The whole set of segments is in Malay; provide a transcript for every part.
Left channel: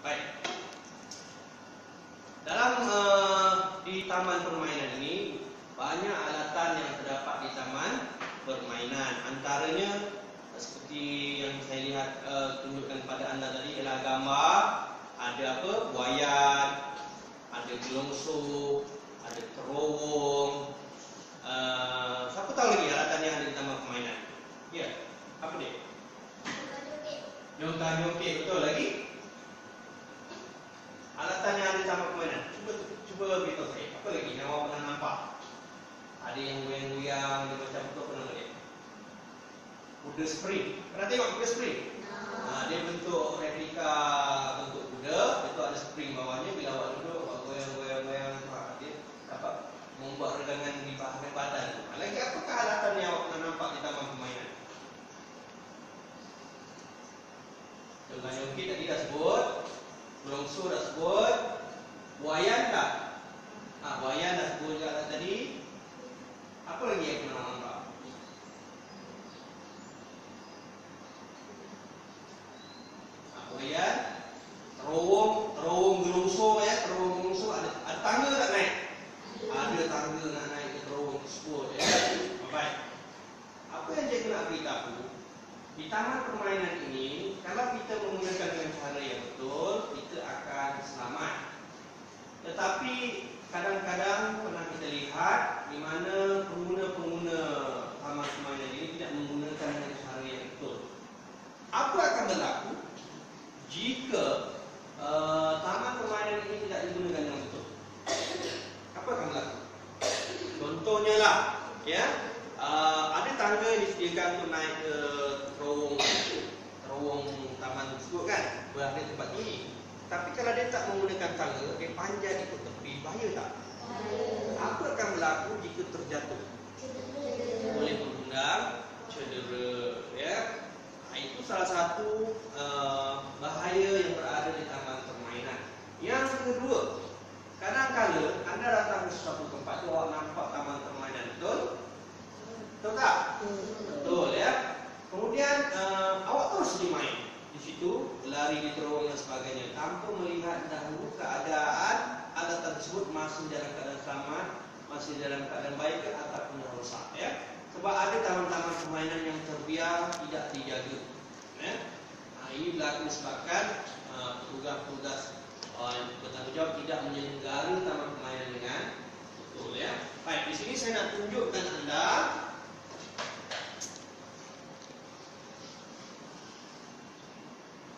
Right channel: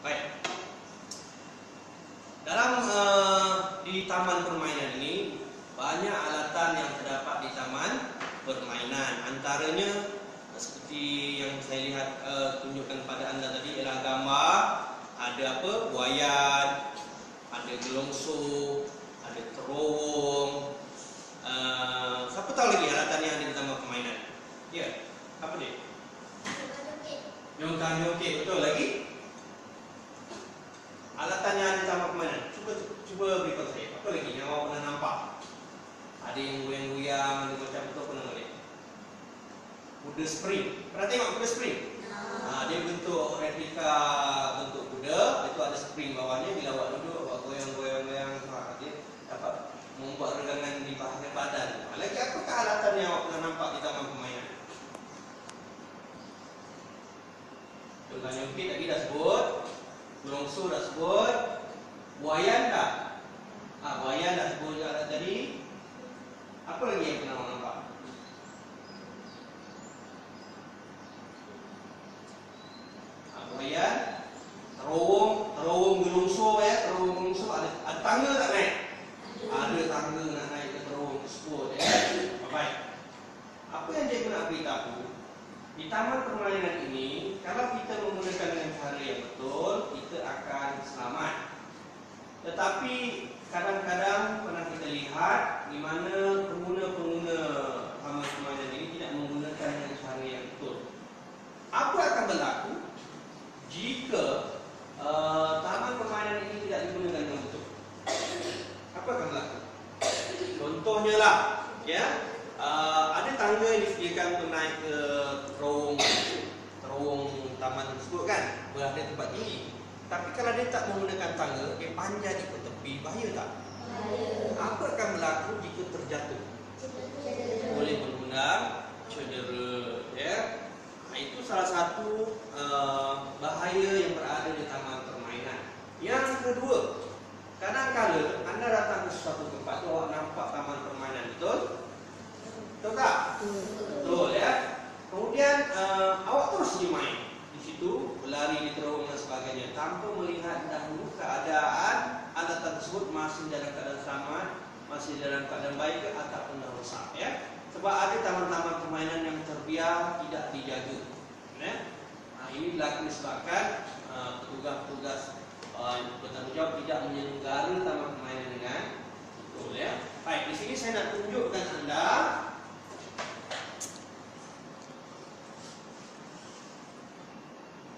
Baik. Dalam di taman permainan ini banyak alatan yang terdapat di taman permainan. Antaranya seperti yang saya lihat tunjukkan pada anda tadi ialah gambar. Ada apa? Buayan, ada gelongso, ada terowong. Siapa tahu lagi alatan yang ada di taman permainan? Ya, apa dia? Nyongkang nyongkek, betul lagi. Alatan yang ada di taman permainan. Cuba beritahu saya. Apa lagi yang awak pernah nampak? Ada yang goyang-goyang, ada macam betul pernah tak? Kuda spring. Pernah tengok kuda spring? Dia bentuk replika bentuk kuda. Itu ada spring bawahnya. Bila awak duduk, awak goyang-goyang-goyang, dia dapat membuat regangan di badan. Lagi apakah alatan yang awak pernah nampak di taman permainan? Nyongkang nyongkek tadi dah sebut. Gelongso dah sebut. Buayan tak? Buayan dah sebut juga tadi. Apa lagi yang pernah nampak? Buayan, terowong gelongso ya. Terowong gelongso ada tangga tak naik? Ada tangga nak naik ke terowong tersebut ya. Baik. Apa yang cikgu nak beritahu? Di taman permainan ini, kalau kita menggunakan dengan cara yang betul, kita akan selamat. Tetapi kadang-kadang pernah kita lihat di mana pengguna-pengguna taman permainan ini tidak menggunakan dengan cara yang betul. Apa akan berlaku jika taman permainan ini tidak digunakan dengan betul? Apa akan berlaku? Contohnya lah, ya. Ada tangga yang disediakan untuk naik ke terowong taman tersebut kan, berada tempat tinggi. Tapi kalau dia tak menggunakan tangga, dia panjat ikut tepi, bahaya tak? Apa akan berlaku jika terjatuh? Boleh mengundang cedera, ya. Itu salah satu bahaya yang berada di taman permainan. Yang kedua, kadang-kadang anda datang ke suatu tempat, awak nampak taman permainan, betul? Betul tak? Betul ya. Kemudian awak terus main di situ, berlari di terowong dan sebagainya, tanpa melihat dahulu keadaan alatan tersebut masih dalam keadaan selamat, masih dalam keadaan baik ataupun dah rosak ya. Sebab ada taman-taman permainan yang terbiar tidak dijaga. Ya. Ini berlaku disebabkan petugas-petugas bertanggungjawab tidak menyelenggara taman permainan dengan betul ya. Baik, di sini saya nak tunjukkan anda.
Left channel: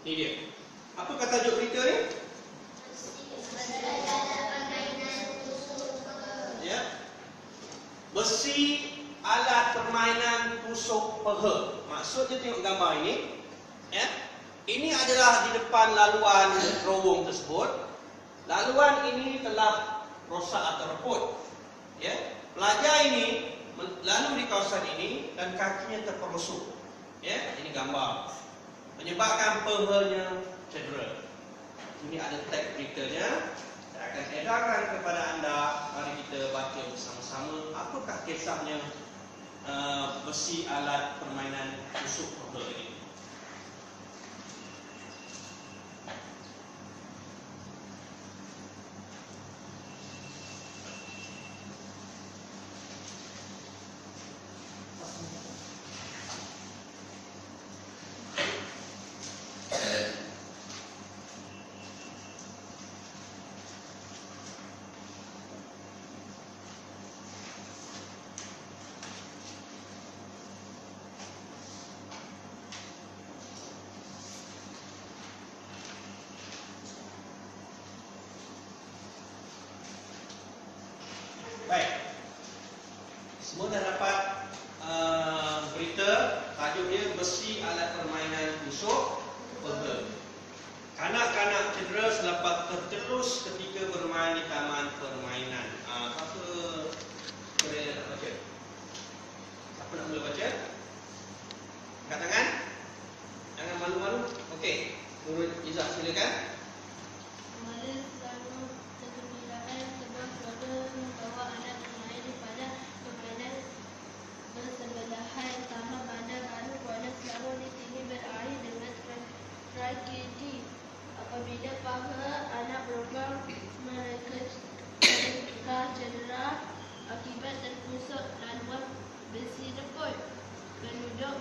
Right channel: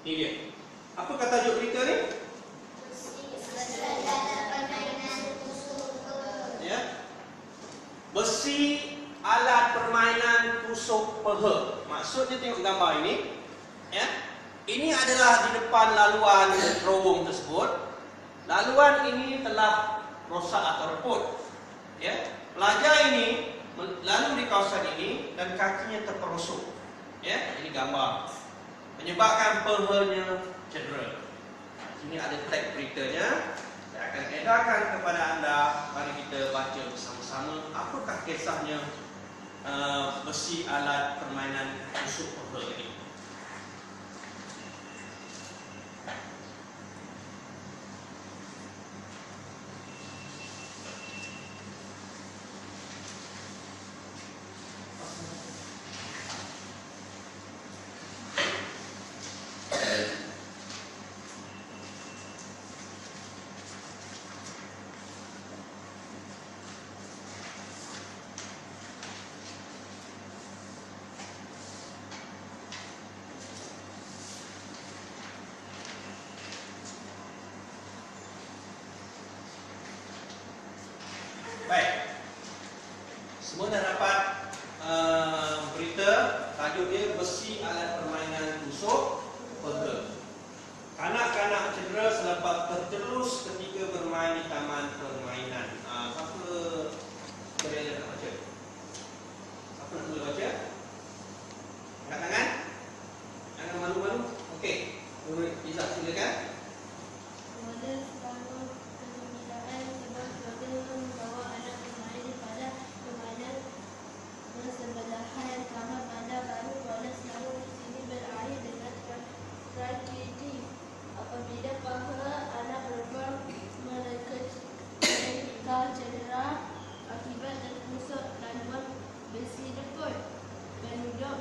Ini dia. Apa kata tajuk berita ni? Ya. Besi alat permainan tusuk peha. Maksudnya tengok gambar ini. Ya. Ini adalah di depan laluan terowong tersebut. Laluan ini telah rosak atau reput. Ya. Pelajar ini lalu di kawasan ini dan kakinya terperosok. Ya, ini gambar. Menyebabkan pehanya cedera. Ini ada tag beritanya. Saya akan edarkan kepada anda. Mari kita baca bersama-sama. Apakah kisahnya besi alat permainan tusuk peha ini? Baik. Semua dah dapat berita. Tajuk dia besi alat permainan tusuk peha. Kanak-kanak cedera selepas terjelus ketika bermain di taman permainan. Siapa boleh nak baca? Siapa nak mula baca? Angkat tangan. Jangan malu-malu. Okey. Nurul Izzat silakan. Bersebelahan Taman Bandar Baru Kuala Selangor di sini berakhir dengan tragedi. Apabila paha anak berlubang mereka cedera akibat terpusuk laluan besi reput. Penduduk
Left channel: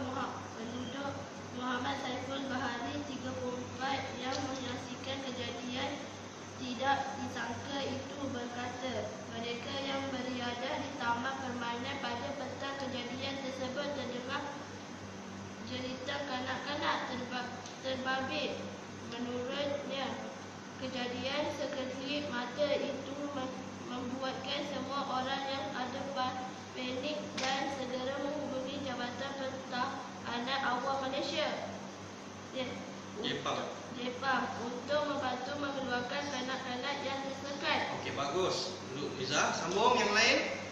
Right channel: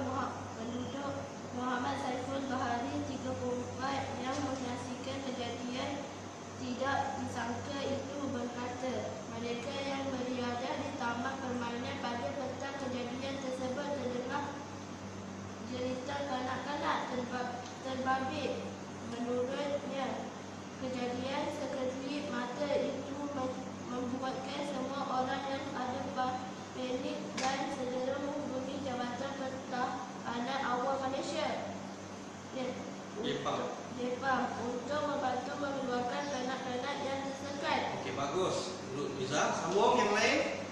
Muhammad Saiful Bahari 34 yang menyaksikan kejadian tidak disangka itu berkata, mereka yang berada di taman permainan pada petang kejadian tersebut terdengar cerita kanak-kanak terbabit. Menurutnya, kejadian sekelip mata itu membuatkan semua orang yang ada panik dan segera menghubungi Jabatan Pertahanan Awam Malaysia Jepang untuk membantu mengeluarkan kanak-kanak yang tersekat. Okey, bagus. Duduk Miza, sambung yang lain.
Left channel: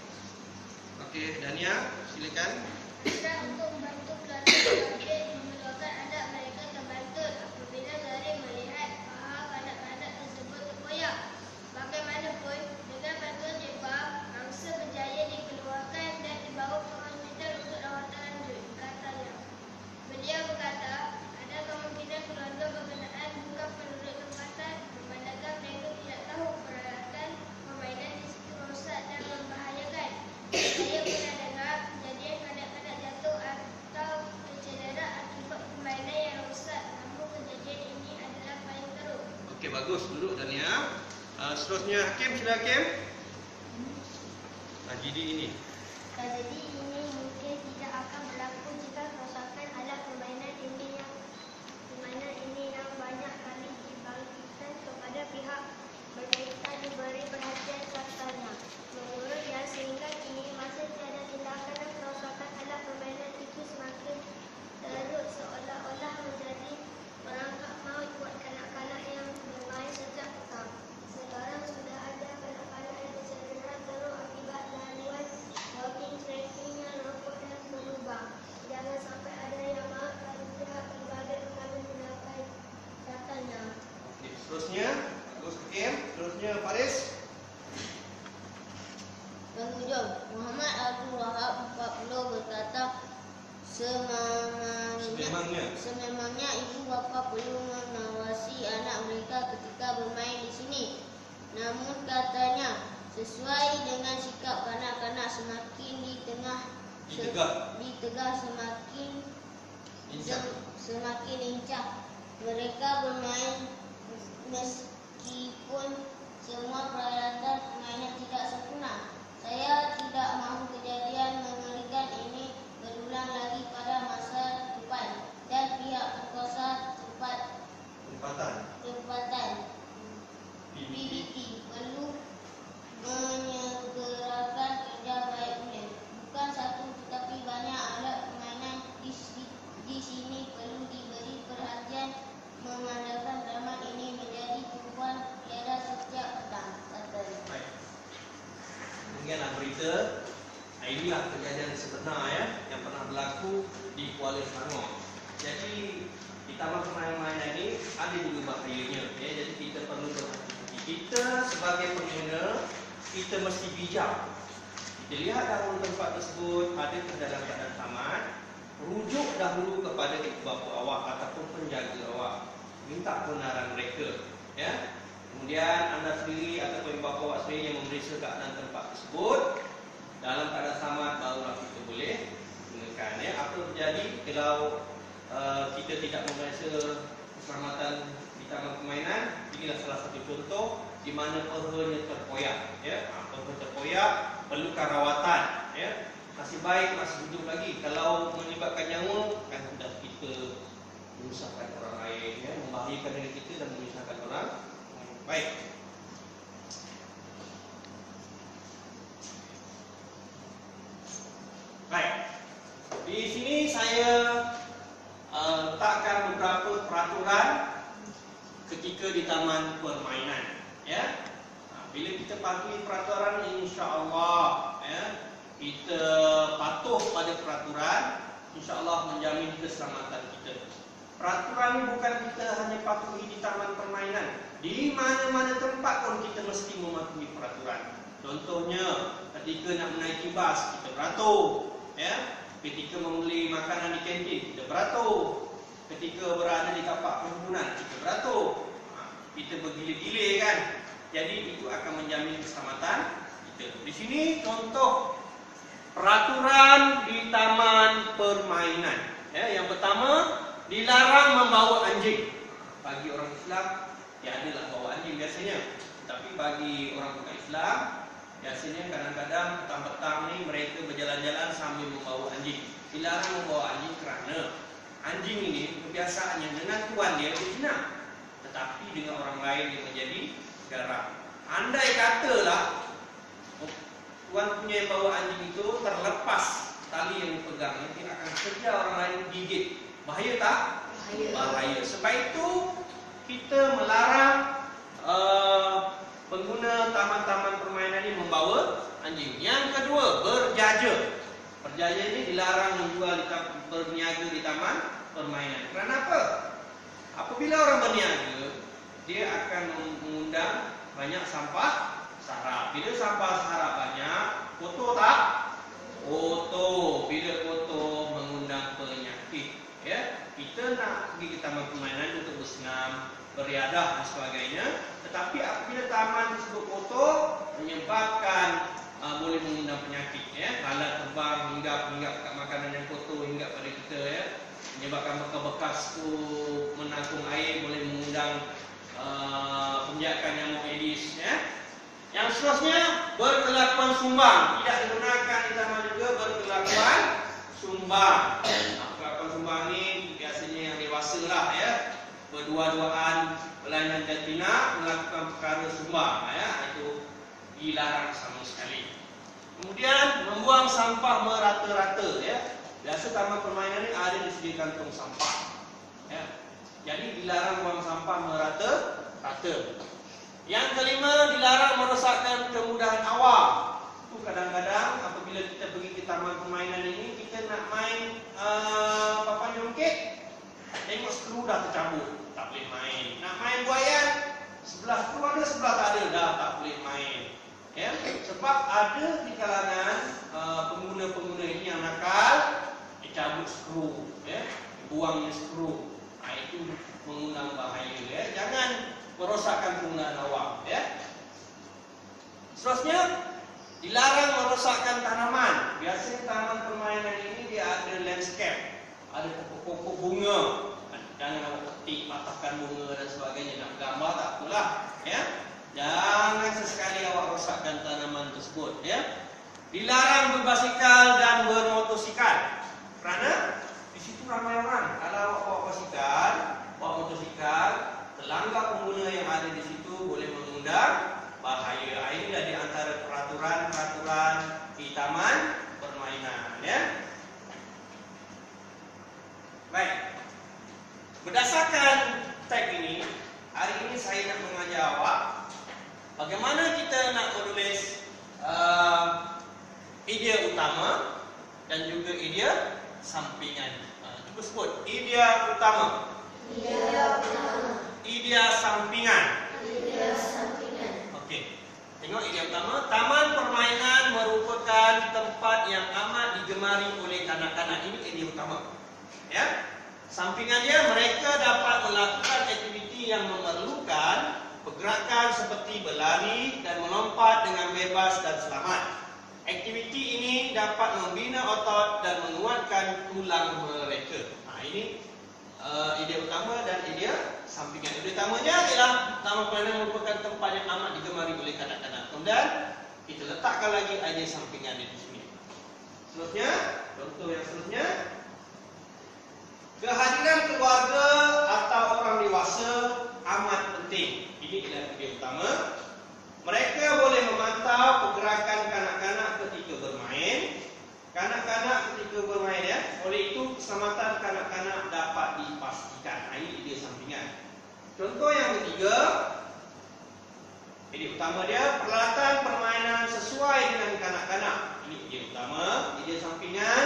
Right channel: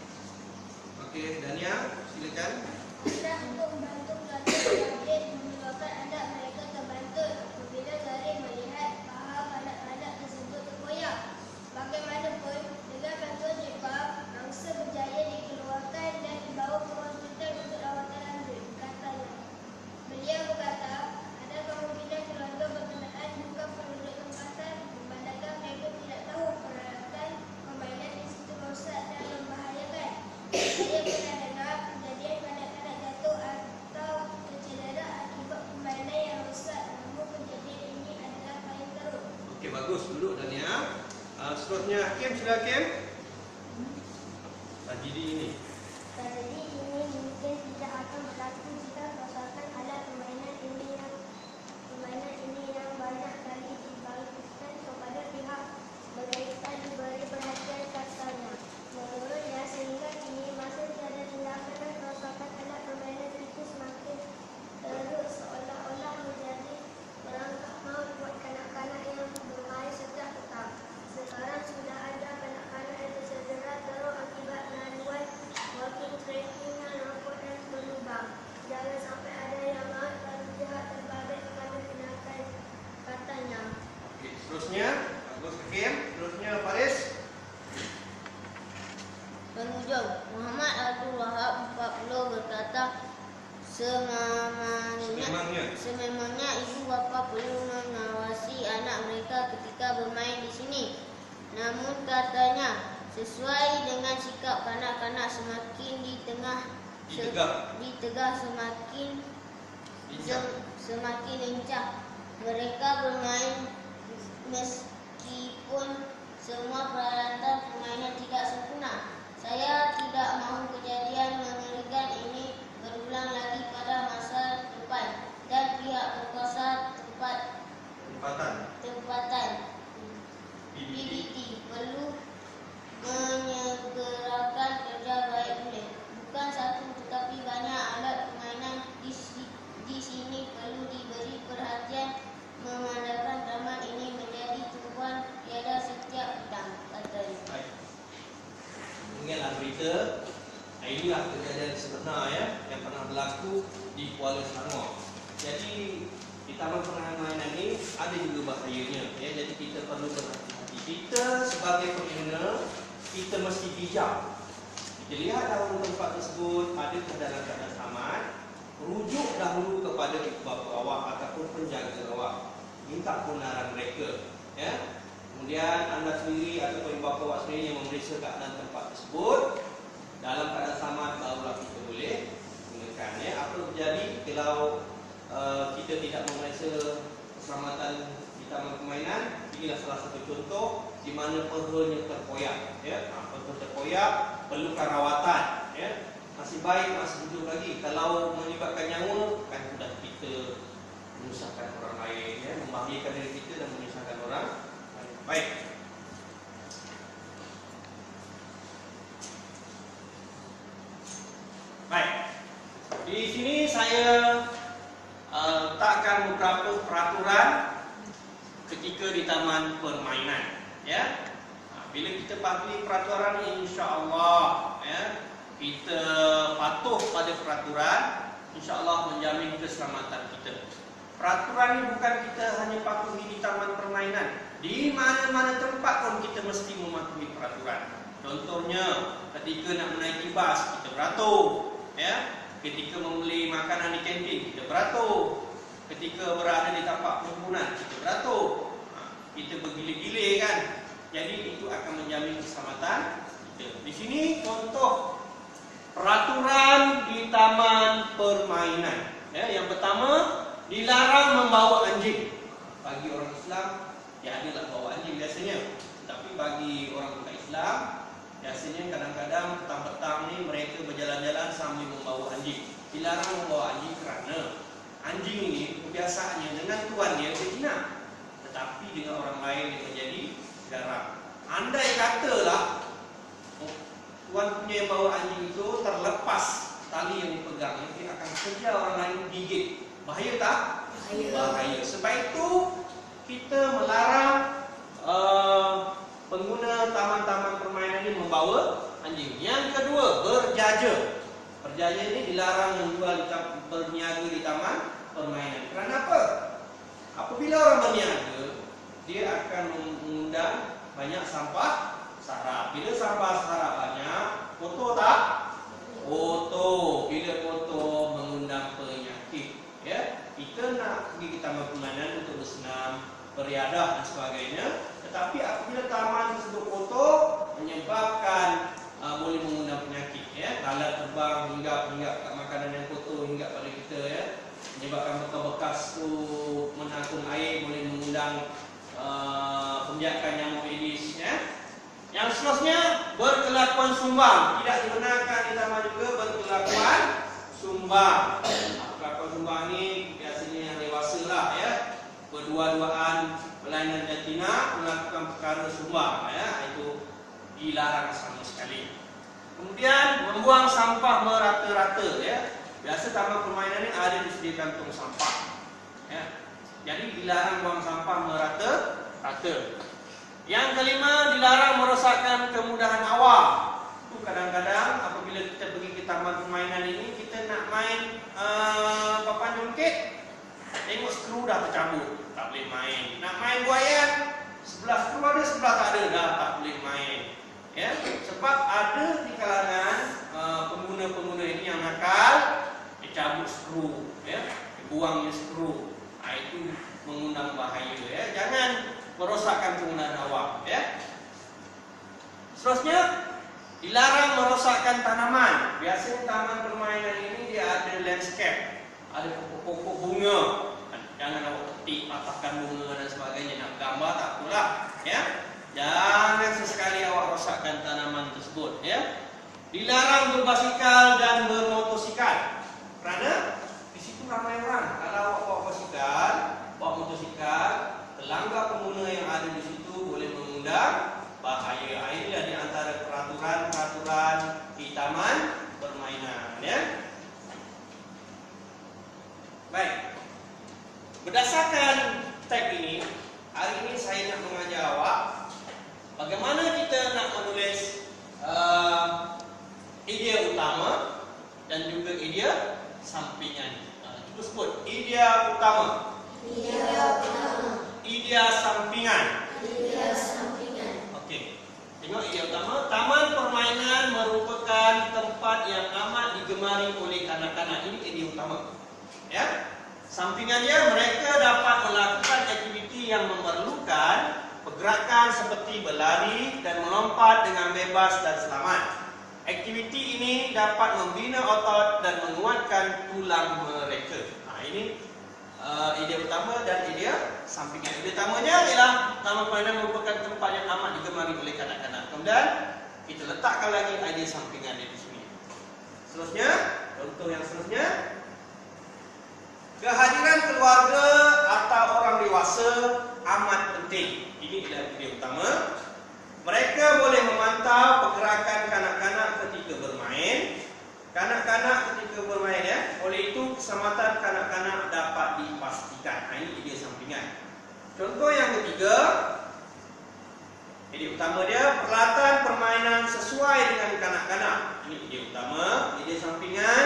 Okey, Dania, silakan. Adalah untuk membantu pelajar terbabit mengeluarkan anak mereka terbantut apabila Gari melihat paha kanak-kanak tersebut terkoyak. Bagaimanapun, dengan bantuan Jepang, mangsa berjaya dikeluarkan dan dibawa ke hospital untuk rawatan lanjut, katanya. Beliau berkata, ada kemungkinan selontor berkenaan bukan penduduk tempatan memandangkan mereka tidak tahu peralatan permainan di situ rosak dan membahayakan. Saya pernah dengar kejadian kanak-kanak jatuh atau tercedera akibat permainan yang rosak, namun kejadian ini adalah paling teruk. Okey, bagus. Duduk Dania. Seterusnya Hakim, sila Hakim. Tragedi ini. Tragedi ini mungkin tidak akan berlaku jika kerosakan alat permainan ini yang banyak kali dibagikan kepada pihak berkaitan diberi perhatian, katanya. Menurutnya, sehingga kini masih tiada tindakan dan kerosakan alat permainan itu semakin teruk seolah-olah menjadi perangkap maut buat kanak-kanak yang bermain setiap petang. Sekarang sudah ada kanak-kanak yang tercedera teruk akibat laluan walking tracking yang rapuh dan berlubang. Jangan sampai ada yang maut lalu pihak terbabit mengambil tindakan, katanya. Okey, seterusnya bagus Hakim. Seterusnya Faris. Penghujung, Muhammad Abdul Wahab 40 berkata, sememangnya ibu bapa perlu mengawasi anak mereka ketika bermain di sini. Namun katanya, sesuai dengan sikap kanak-kanak semakin ditegah semakin lincah. Mereka bermain meskipun semua peralatan permainan tidak sempurna. Saya tidak mahu kejadian mengerikan ini berulang lagi pada masa depan, dan pihak berkuasa tempatan PBT perlu menyegerakan kerja baiknya. Bukan satu tetapi banyak alat permainan di sini perlu diberi perhatian, memandangkan taman ini menjadi tumpuan tiada setiap petang, katanya. Baik. Ingatlah berita. Inilah kejadian sebenar yang pernah berlaku di Kuala Selangor. Jadi di taman permainan ini ada juga bahayanya. Jadi kita perlu berhati-hati. Kita sebagai pengguna, kita mesti bijak. Kita lihat dalam tempat tersebut adakah dalam keadaan selamat, rujuk dahulu kepada ibu bapa awak ataupun penjaga awak. Minta kebenaran mereka. Kemudian anda sendiri ataupun ibu bapa awak sendiri yang memeriksa keadaan tempat tersebut. Dalam keadaan selamat barulah kita boleh gunakan. Apa terjadi kalau kita tidak memeriksa keselamatan di taman permainan? Inilah salah satu contoh di mana pehanya terkoyak. Peha terkoyak perlukan rawatan. Masih baik masih hidup lagi. Kalau melibatkan nyawa, kan sudah kita menyusahkan orang lain, membahayakan diri kita dan menyusahkan orang lain. Baik. Baik. Di sini saya letakkan beberapa peraturan ketika di taman permainan. Bila kita patuhi peraturan, insya-Allah kita patuh pada peraturan, insya-Allah menjamin keselamatan kita. Peraturan ini bukan kita hanya patuhi di taman permainan. Di mana-mana tempat pun kita mesti mematuhi peraturan. Contohnya, ketika nak menaiki bas, kita beratur. Ketika membeli makanan di kantin, kita beratur. Ketika berada di tapak perhimpunan, kita beratur. Jadi itu akan menjamin keselamatan kita. Di sini contoh peraturan di taman permainan. Ya, yang pertama, dilarang membawa anjing. Bagi orang Islam, ya adalah bawa anjing biasanya. Tapi bagi orang bukan Islam, biasanya kadang-kadang petang-petang ni mereka berjalan-jalan sambil membawa anjing. Dilarang membawa anjing kerana anjing ini kebiasaannya dengan tuan dia jinak, tetapi dengan orang lain dia menjadi garang. Andai katalah tuan punya yang bawa anjing itu terlepas tali yang dipegang, dia akan kejar orang lain gigit. Bahaya tak? Bahaya. Sebab itu kita melarang pengguna taman-taman permainan ini membawa anjing. Yang kedua, berjaja. Berjaja ini dilarang menjual berniaga di taman permainan. Kerana apa? Apabila orang berniaga, dia akan mengundang banyak sampah sarap. Bila sampah sarap banyak, kotor tak? Kotor. Bila kotor mengundang penyakit. Ya, kita nak pergi ke taman permainan untuk bersenam, beriadah dan sebagainya. Tetapi apabila taman tersebut kotor, menyebabkan boleh mengundang penyakit. Ya, lalat terbang hinggap kat makanan yang kotor, hinggap pada kita. Ya, menyebabkan bekas-bekas tu menakung air, boleh mengundang penjakan nyamuk Aedes. Ya. Yang seterusnya, berkelakuan sumbang. Tidak dibenarkan di taman juga berkelakuan sumbang. Kelakuan sumbang ni biasanya yang dewasa lah, ya. Berdua-duaan, berlainan jantina, melakukan perkara sumbang, ya. Itu dilarang sama sekali. Kemudian membuang sampah merata-rata, ya. Biasa taman permainan ni ada disediakan tong sampah, ya. Jadi dilarang buang sampah merata-rata. Yang kelima, dilarang merosakkan kemudahan awam. Itu kadang-kadang apabila kita pergi ke taman permainan ini, kita nak main papan jongkit, tengok skru dah tercabut, tak boleh main. Nak main buayan, sebelah skru ada, sebelah tak ada, dah tak boleh main. Ya, sebab ada di kalangan pengguna-pengguna ini yang nakal, dicabut skru, ya, dibuangnya skru. Itu mengundang bahaya. Ya, jangan merosakkan kemudahan awam. Ya. Seterusnya, dilarang merosakkan tanaman. Biasanya taman permainan ini dia ada landscape, ada pokok-pokok bunga. Jangan awak petik, patahkan bunga dan sebagainya. Nak gambar tak apalah. Ya. Jangan sesekali awak rosakkan tanaman tersebut. Ya. Dilarang berbasikal dan bermotosikal. Kerana di situ ramai orang. Kalau awak bawa basikal, bawa motosikal, pelanggar pengguna yang ada di situ boleh mengundang bahaya. Inilah di antara peraturan-peraturan di taman permainan. Ya. Baik. Berdasarkan tag ini, hari ini saya nak mengajar awak bagaimana kita nak menulis idea utama dan juga idea sampingan. Cuba sebut idea utama. Idea sampingan. Okey. Tengok idea utama. Taman permainan merupakan tempat yang amat digemari oleh kanak-kanak. Ini idea utama. Ya. Sampingan dia, mereka dapat melakukan aktiviti yang memerlukan pergerakan seperti berlari dan melompat dengan bebas dan selamat. Aktiviti ini dapat membina otot dan menguatkan tulang mereka. Ini idea utama dan idea sampingan. Idea utamanya ialah taman permainan merupakan tempat yang amat digemari oleh kanak-kanak. Kemudian kita letakkan lagi idea sampingan di sini. Seterusnya, contoh yang seterusnya, kehadiran keluarga atau orang dewasa amat penting. Ini adalah idea utama. Mereka boleh memantau pergerakan kanak-kanak ketika bermain. Kanak-kanak ketika bermain, ya. Oleh itu keselamatan kanak-kanak dapat dipastikan. Ini idea sampingan. Contoh yang ketiga, idea utama dia, peralatan permainan sesuai dengan kanak-kanak. Ini idea utama. Idea sampingan,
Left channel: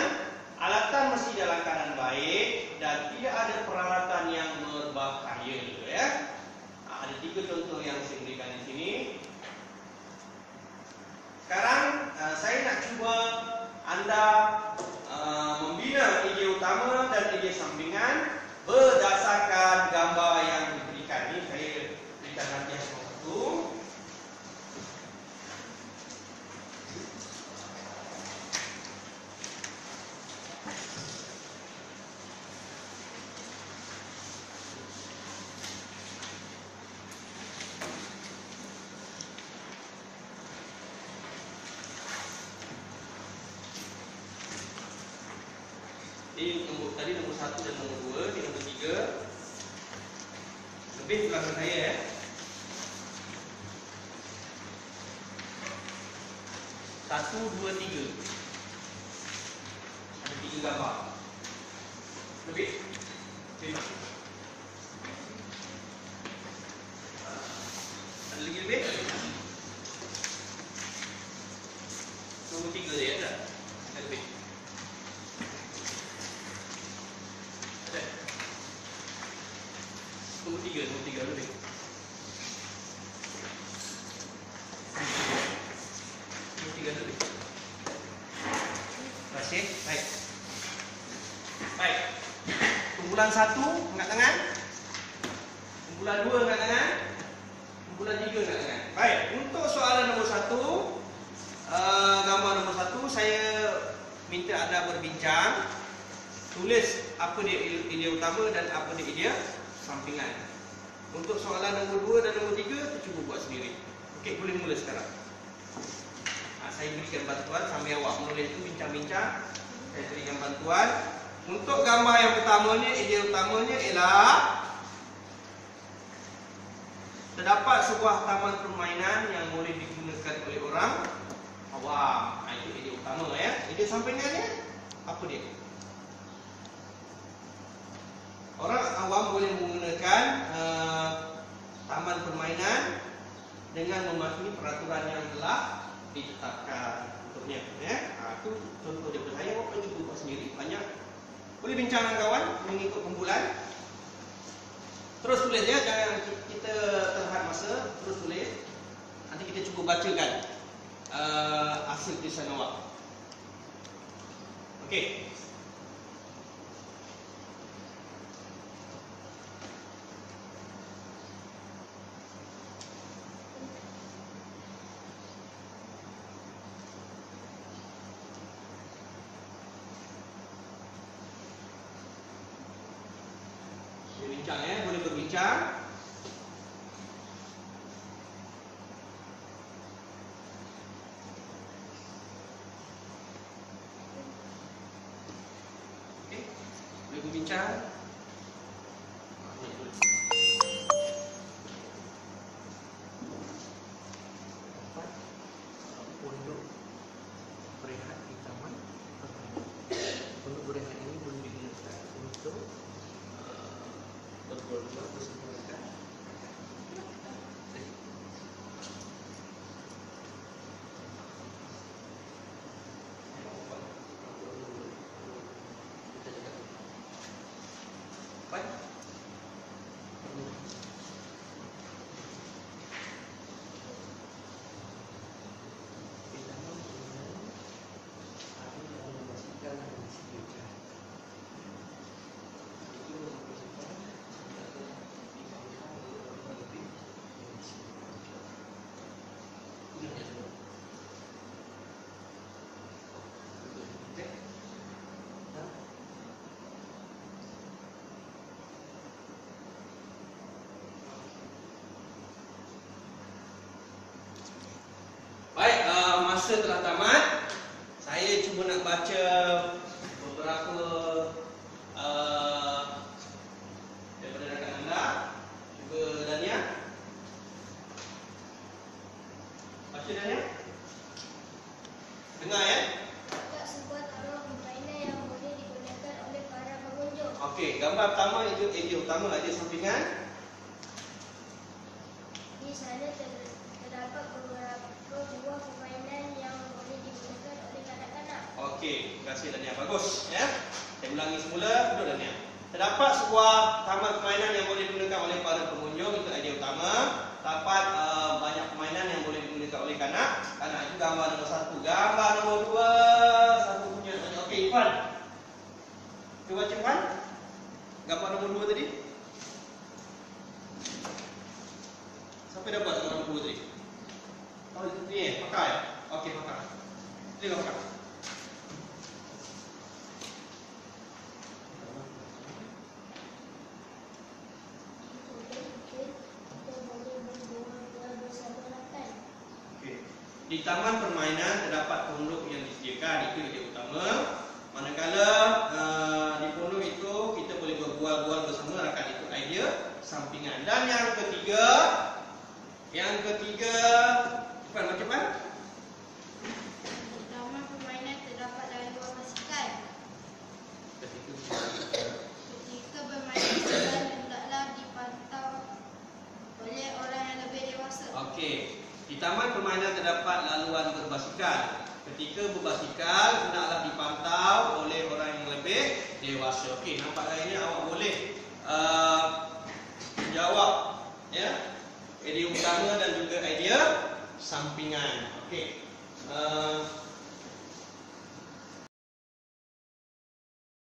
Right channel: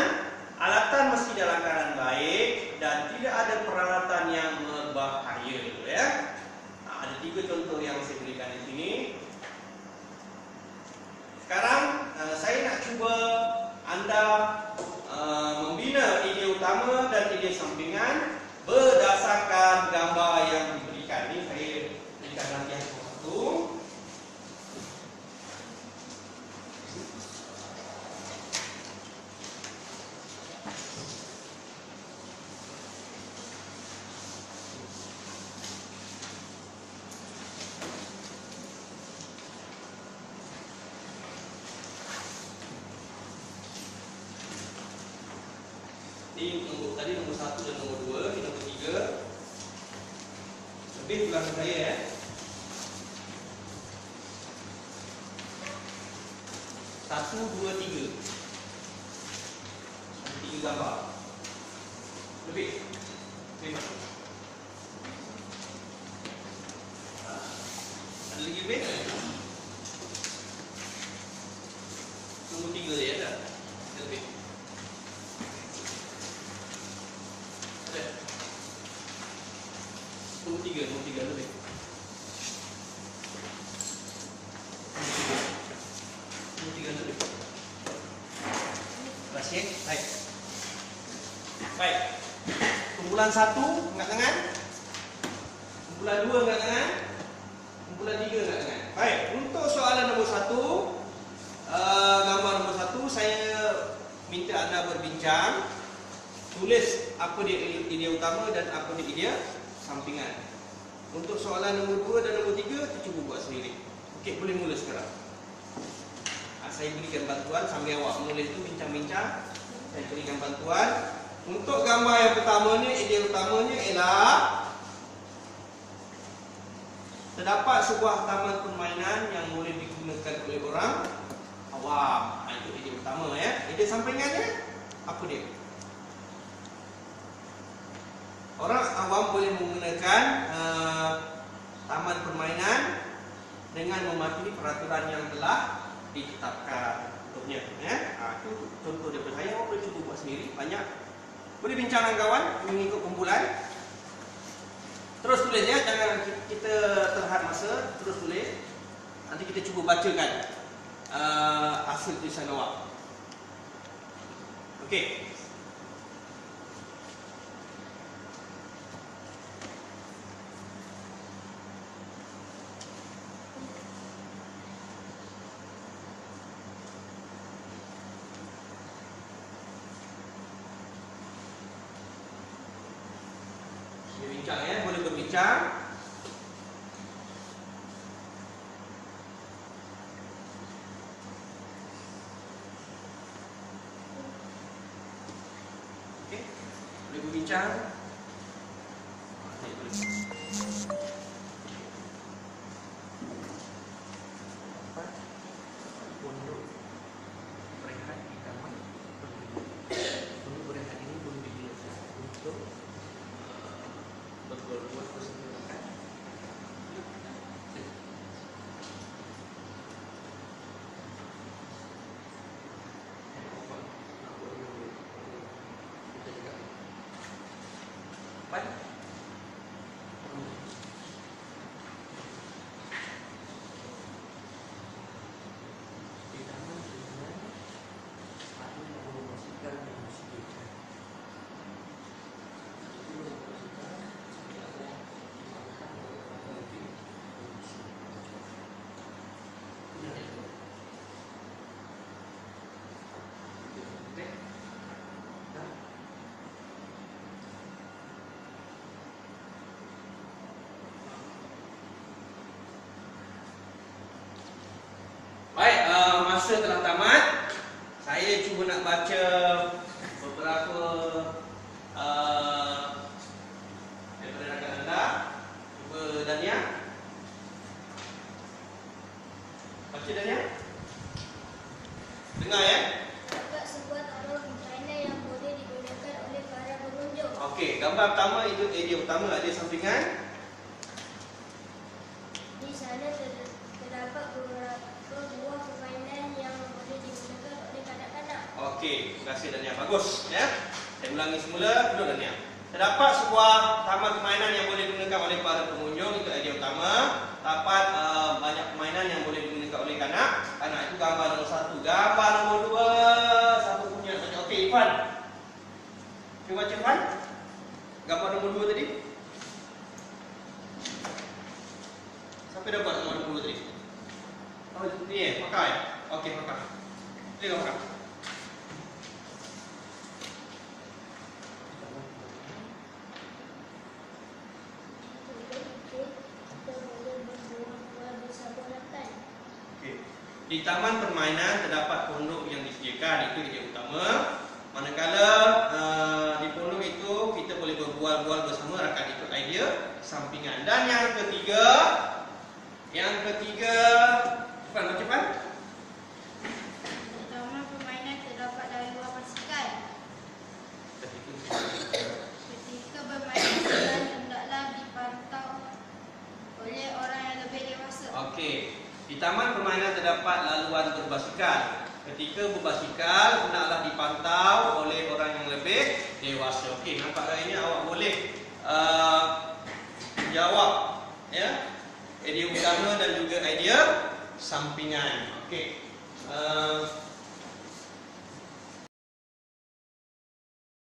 alatan mesti dalam keadaan baik dan tidak ada peralatan yang berbahaya. Ya. Ada 3 contoh yang saya berikan di sini. Sekarang saya nak cuba anda membina idea utama dan idea sampingan berdasarkan gambar yang diberikan. Ini saya berikan latihan satu. dan nombor 2. Ini nombor 3. Lebih di belakang saya ya. Satu, dua, tiga. Ada 3 gambar. Lebih. Ada lagi lebih? Nombor 3 dia ada. Ada lebih. Ada. Nombor 3 lebih. Nombor 3 lebih. Terima kasih. Baik. Baik. Kumpulan 1 angkat tangan. Kumpulan 2 angkat tangan. Kumpulan 3 angkat tangan. Baik, untuk soalan nombor 1, gambar nombor 1, saya minta anda berbincang. Tulis apa dia idea utama dan apa dia idea sampingan. Untuk soalan nombor 2 dan nombor 3, cuba buat sendiri. Okey, boleh mula sekarang. Saya berikan bantuan sambil awak menulis itu bincang-bincang. Saya berikan bantuan. Untuk gambar yang pertamanya, idea utamanya ialah terdapat sebuah taman permainan yang boleh digunakan oleh orang awam. Itu idea utama ya. Idea sampingannya apa dia? Orang awam boleh menggunakan taman permainan dengan mematuhi peraturan yang telah ditetapkan untuknya ya. Itu contoh daripada saya. Awak boleh cuba buat sendiri. Banyak. Boleh bincang dengan kawan mengikut kumpulan. Terus tulis ya, jangan kita terhad masa. Terus tulis. Nanti kita cuba bacakan hasil tulisan awak. Okey. Bincang ya, boleh berbincang. Okey, boleh berbincang. Baik, masa telah tamat. Saya cuba nak baca beberapa daripada rakan anda. Cuba Dania. Baca Dania. Dengar ya. Terdapat sebuah taman permainan yang boleh digunakan oleh para pengunjung. Okey, gambar pertama itu idea utama, ada sampingan. Di sana terdapat beberapa buah permainan yang boleh digunakan oleh kanak-kanak. Okey, terima kasih Dania. Bagus ya. Saya ulangi semula, duduk Dania. Terdapat sebuah taman permainan yang boleh digunakan oleh para pengunjung, itu idea utama. Terdapat banyak permainan yang boleh digunakan oleh kanak-kanak. Itu gambar nombor 1. Gambar nombor 2, siapa punya? Okey, Irfan. Cuba baca Irfan. Gambar nombor 2 tadi. Siapa dah buat gambar nombor 2 tadi? Oh, ni pakai. Okey, pakai. Dia pakai. Di taman permainan terdapat pondok yang disediakan, itu idea utama. Manakala di pondok itu kita boleh berbual-bual bersama, rakan itu idea sampingan. Dan yang ketiga, Cepat macam Di taman permainan terdapat laluan basikal. Ketika bermain basikal hendaklah dipantau oleh orang yang lebih dewasa. Okey. Di taman permainan terdapat laluan berbasikal. Ketika berbasikal hendaklah dipantau oleh orang yang lebih dewasa. Okey, nampak hari ini awak boleh jawab ya. Idea utama dan juga idea sampingan. Okey.